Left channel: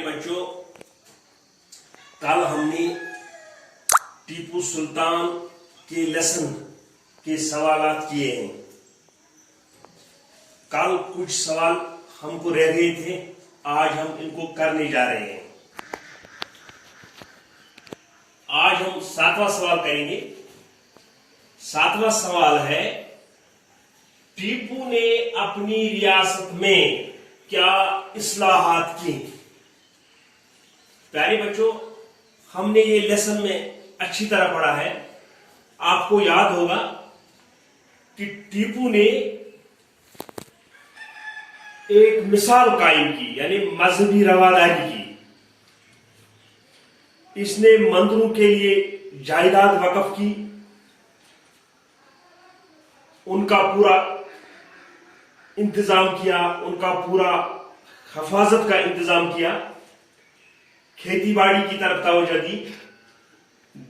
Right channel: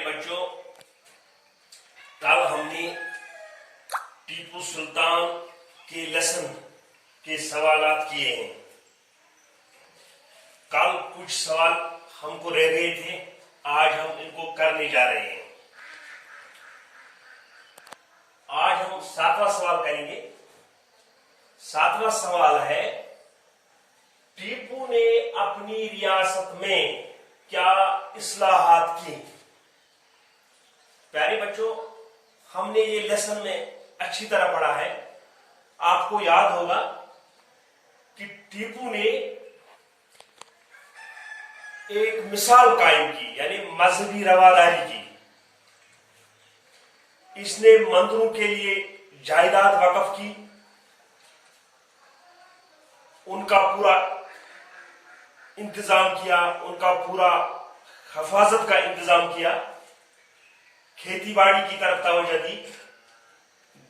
बच्चों, कल हमने टीपू सुल्तान के लेसन के सवालात किए हैं। कल कुछ सवाल हमको रह गए थे, आज हम इनको करने जा रहे हैं। आज हम 7वां सवाल करेंगे। 7वां सवाल है, टीपू ने अपनी रियासत में क्या इस्लाहात की। प्यारे बच्चों, हमने ये लेसन में अच्छी तरह पढ़ा है। आपको याद होगा कि टीपू ने एक मिसाल कायम की, यानी मजहबी रवादारी की। इसने मंदिरों के लिए जायदाद वक्फ की, उनका पूरा इंतजाम किया, उनका पूरा हिफाजत का इंतजाम किया, खेती बाड़ी की तरफ तवज्जो दी,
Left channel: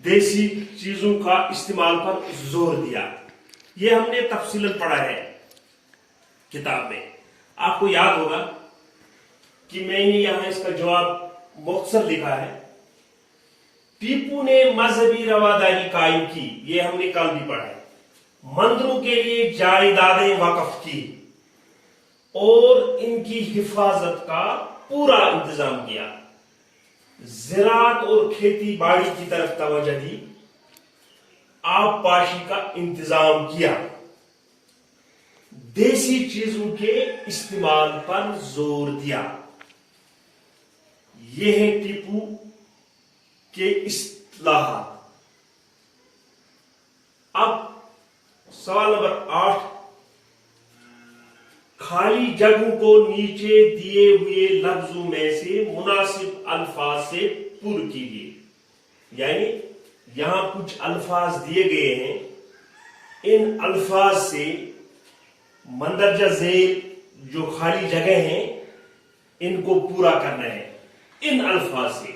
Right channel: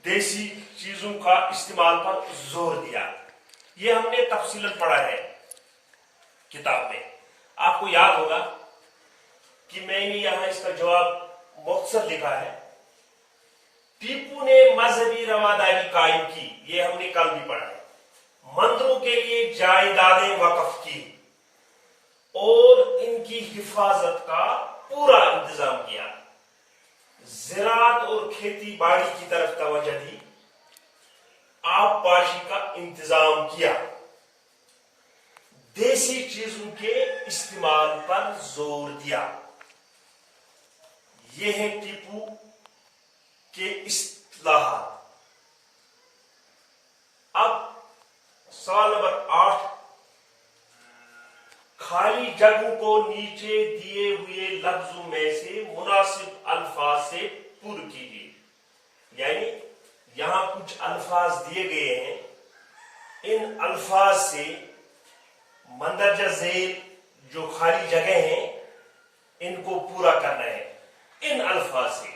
देसी चीजों का इस्तेमाल पर जोर दिया। यह हमने तफसीलन पढ़ा है किताब में। आपको याद होगा कि मैंने यहां इसका जवाब मुख्तसर लिखा है। टीपू ने मजहबी रवादारी कायम की, यह हमने कल भी पढ़ा है। मंदिरों के लिए जायदादें वक्फ की और इनकी हिफाजत का पूरा इंतजाम किया। ज़राअत और खेती बाड़ी की तरफ तवज्जो दी, आबपाशी का इंतजाम किया, देसी चीजों के इस्तेमाल पर जोर दिया। यह है टीपू के इस्लाहात। अब सवाल नंबर 8, खाली जगहों को नीचे दिए हुए लफ्जों में से मुनासिब अल्फाज से पूर कीजिए। यानी यहां कुछ अल्फाज दिए गए हैं, इन अल्फाज से मंदरजा झेल जो खाली जगह हैं इनको पूरा करना है। इन अल्फाज से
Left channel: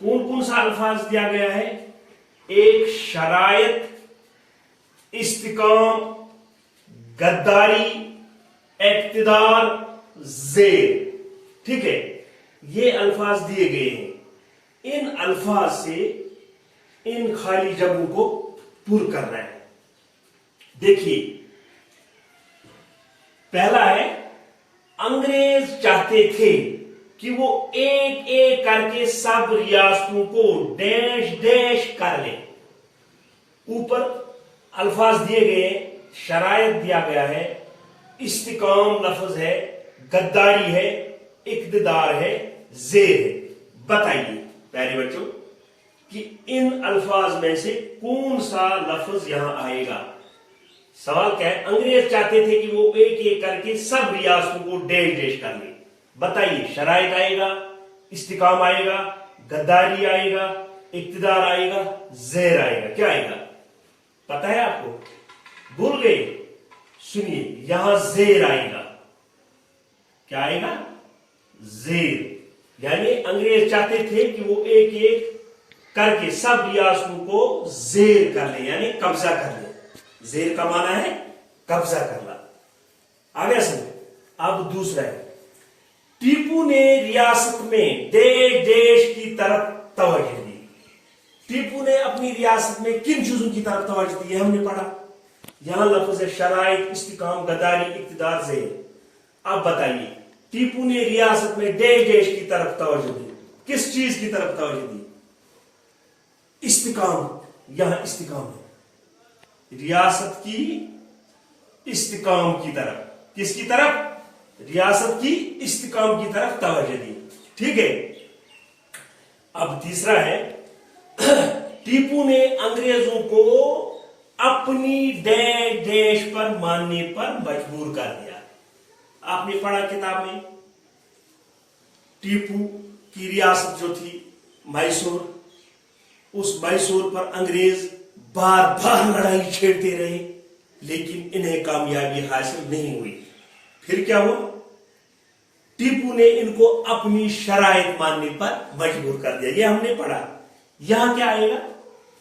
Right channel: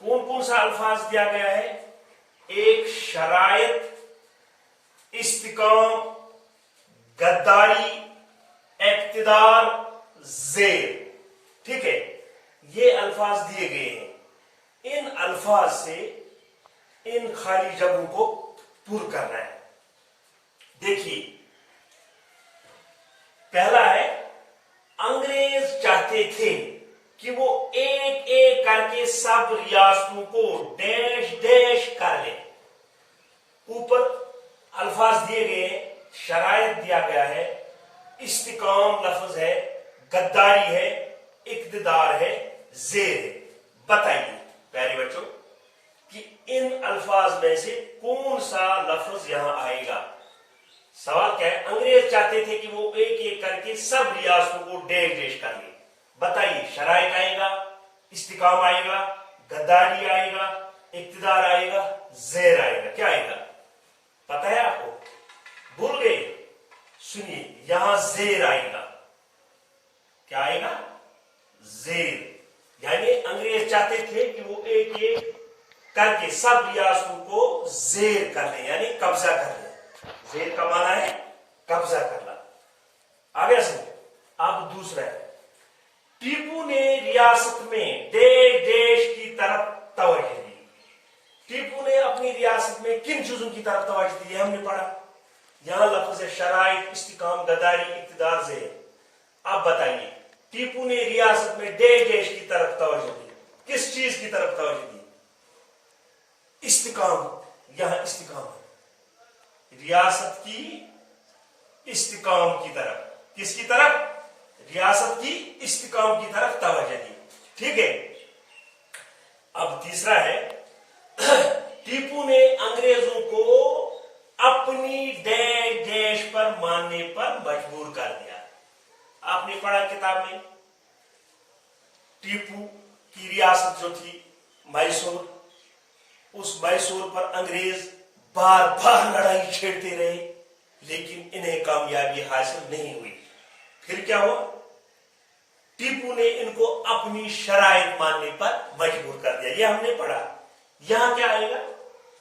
कौन कौन सा अल्फाज दिया गया है? एक, शरायत, इस्तिकाम, गद्दारी, इक्तिदार, जेर। ठीक है, ये अल्फाज दिए गए हैं। इन अल्फाज से इन खाली जगहों को पूरा करना है। देखिए, पहला है, अंग्रेज चाहते थे कि वो एक एक करके सब रियासतों को डैश डैश कर ले। ऊपर अल्फाज दिए गए, शरायत दिया गया है, इस्तिकाम लफ्ज है, गद्दारी है, इक्तिदार है, जेर है। बताइए प्यारे बच्चों कि इन अल्फाज में से कौन सा लफ्ज यहां आएगा। सवाल क्या है? अंग्रेज चाहते थे कि वो एक एक करके सब रियासतों को डैश डैश कर ले। बताइए, शरायत आएगा, इस्तिकाम आएगा, गद्दारी आएगा, इक्तिदार आएगा, जेर आएगा। क्या आएगा पता है आपको? भूल गए? सुनिए, यहां जेर आएगा। क्या आएगा? जेर। यानी अंग्रेज चाहते थे कि वो एक एक करके सब रियासतों को जेर कर ले, यानी कब्जा कर ले। जेर का माना है कब्जा करना। आगे सुनिए, अब दूसरा है, टीपू ने रियासत में देश देश की तरफ तवज्जो दी। टीपू ने अपनी रियासत में किन चीजों की तरफ तवज्जो दी, हमने पढ़ा। यहां लफ्ज है शराइत, इस्तिकाम, गद्दारी, इक्तिदार, जेर। अब बताइए, टीपू ने रियासत में देश देश की तरफ तवज्जो दी। किस चीज की तरफ तवज्जो दी? इस्तिकाम। यहां इस्तिकाम है, रियासत की इस्तिकाम की तरफ। किसकी तरफ? रियासत की इस्तिकाम की तरफ तवज्जो दी। ठीक है। अब तीसरा है, टीपू ने अंग्रेजों को अपनी देश पर मानने पर मजबूर कर दिया। आपने पढ़ा किताब में, टीपू की रियासत जो थी मैसूर, उस मैसूर पर अंग्रेज बार बार लड़ाई छेड़ते रहे, लेकिन इन्हें कामयाबी हासिल नहीं हुई। फिर क्या हुआ? टीपू ने इनको अपनी शरायत मानने पर मजबूर कर दिया। यह हमने पढ़ा। यहां क्या आएगा?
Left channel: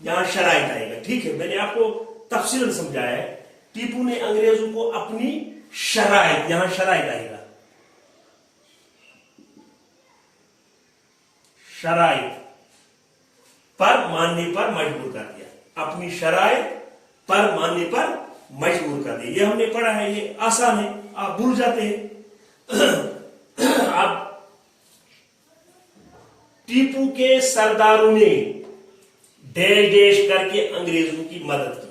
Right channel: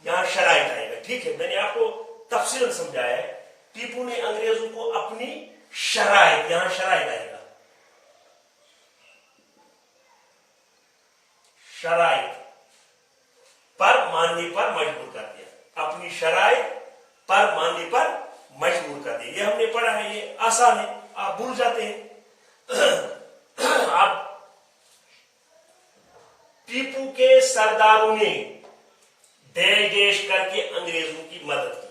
यहां शरायत आएगा। ठीक है, मैंने आपको तफसीलन समझाया है। टीपू ने अंग्रेजों को अपनी शरायत, यहां शरायत आएगा। शराइत पर मानने पर मजबूर कर दिया, अपनी शराइत पर मानने पर मजबूर कर दिया। ये हमने पढ़ा है, ये आसान है, आप भूल जाते हैं। आप टीपू के सरदारों ने डैश डैश करके अंग्रेजों की मदद की,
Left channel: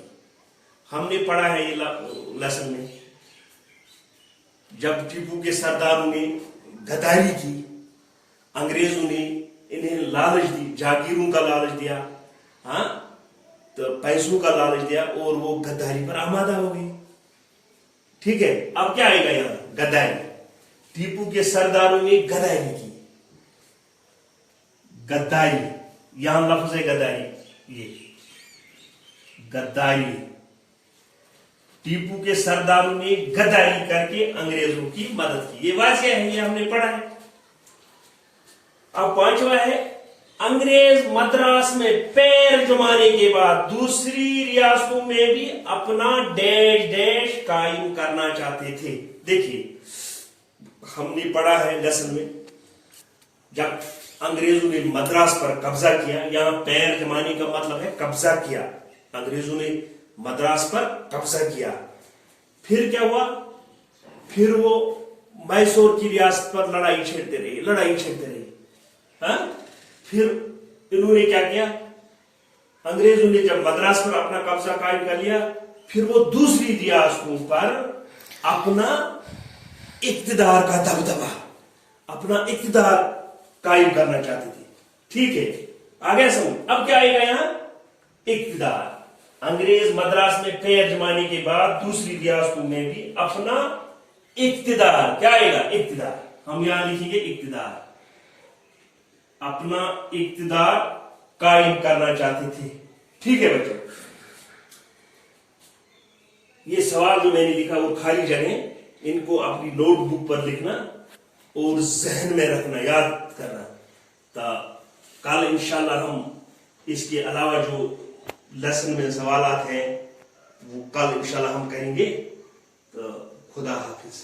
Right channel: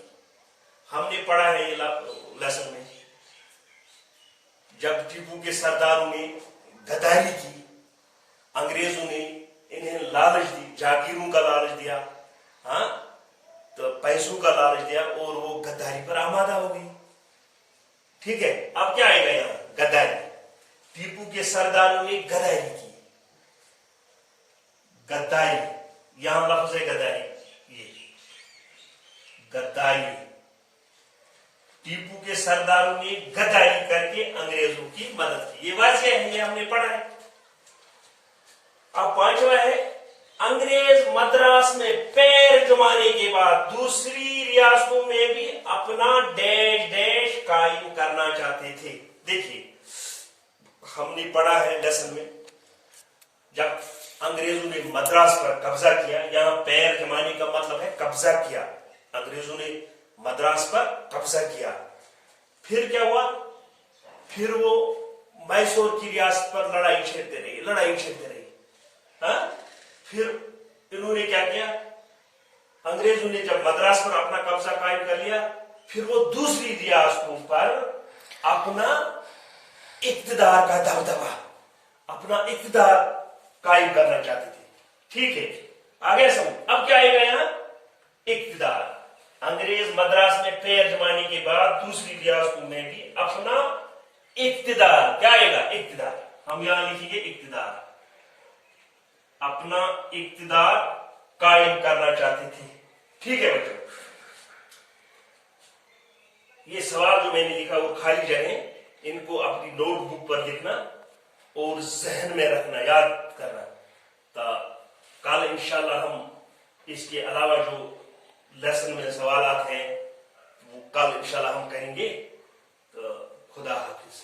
हमने पढ़ा है ये लेसन में। जब टीपू के सरदारों ने गद्दारी की, अंग्रेजों ने इन्हें लालच दी, जागीरों का लालच दिया, हाँ, तो पैसों का लालच दिया और वो गद्दारी पर आमादा हो गई। ठीक है, अब क्या आएगा यहां? गद्दारी। टीपू के सरदारों ने गद्दारी की, गद्दारी, यहां लफ्ज है गद्दारी, ये गद्दारी। टीपू के सरदारों ने गद्दारी करके अंग्रेजों की मदद की, ये वाजिया है, ये हमने पढ़ा है। अब पांचवा है, अंग्रेज मद्रास में पैर जमाने के बाद दूसरी रियासतों में भी अपना डैश डैश कायम करना चाहते थे। देखिए, हमने पढ़ा है लेसन में, जब अंग्रेजों ने मद्रास पर कब्जा किया, यहां पैर जमाने का मतलब है कब्जा किया, अंग्रेजों ने मद्रास पर कब्जा किया। फिर क्या हुआ? फिर वो मैसूर की रियासत पर लड़ाई छेड़ते रहे, हाँ? फिर इन्होंने क्या किया? अंग्रेजों ने जब मद्रास पर अपना कब्जा कायम कर लिया, फिर वो दूसरी रियासतों पर अपना इक्तिदार का दबदबा, अपना इक्तिदार कायम करना चाहते थे। ठीक है, आगे समझ। अब क्या आएगा यहां? इक्तिदार। अंग्रेज मद्रास में पैर जमाने के बाद दूसरी रियासतों में भी अपना इक्तिदार, क्या आएगा? इक्तिदार। हम यहां लिखेंगे इक्तिदार, अपना इक्तिदार कायम करना चाहते थे। ठीक है बच्चों, ये सवाल जो मैंने लिखा वो खाली जगह, इनको अपनी नोटबुक पर लिखना और जहन में रखना, याद करना। तो कल इंशाल्लाह हम इसके अलावा जो लेसन में सवालात हैं वो कल इंशाल्लाह हम करेंगे। तो खुदा हाफिज।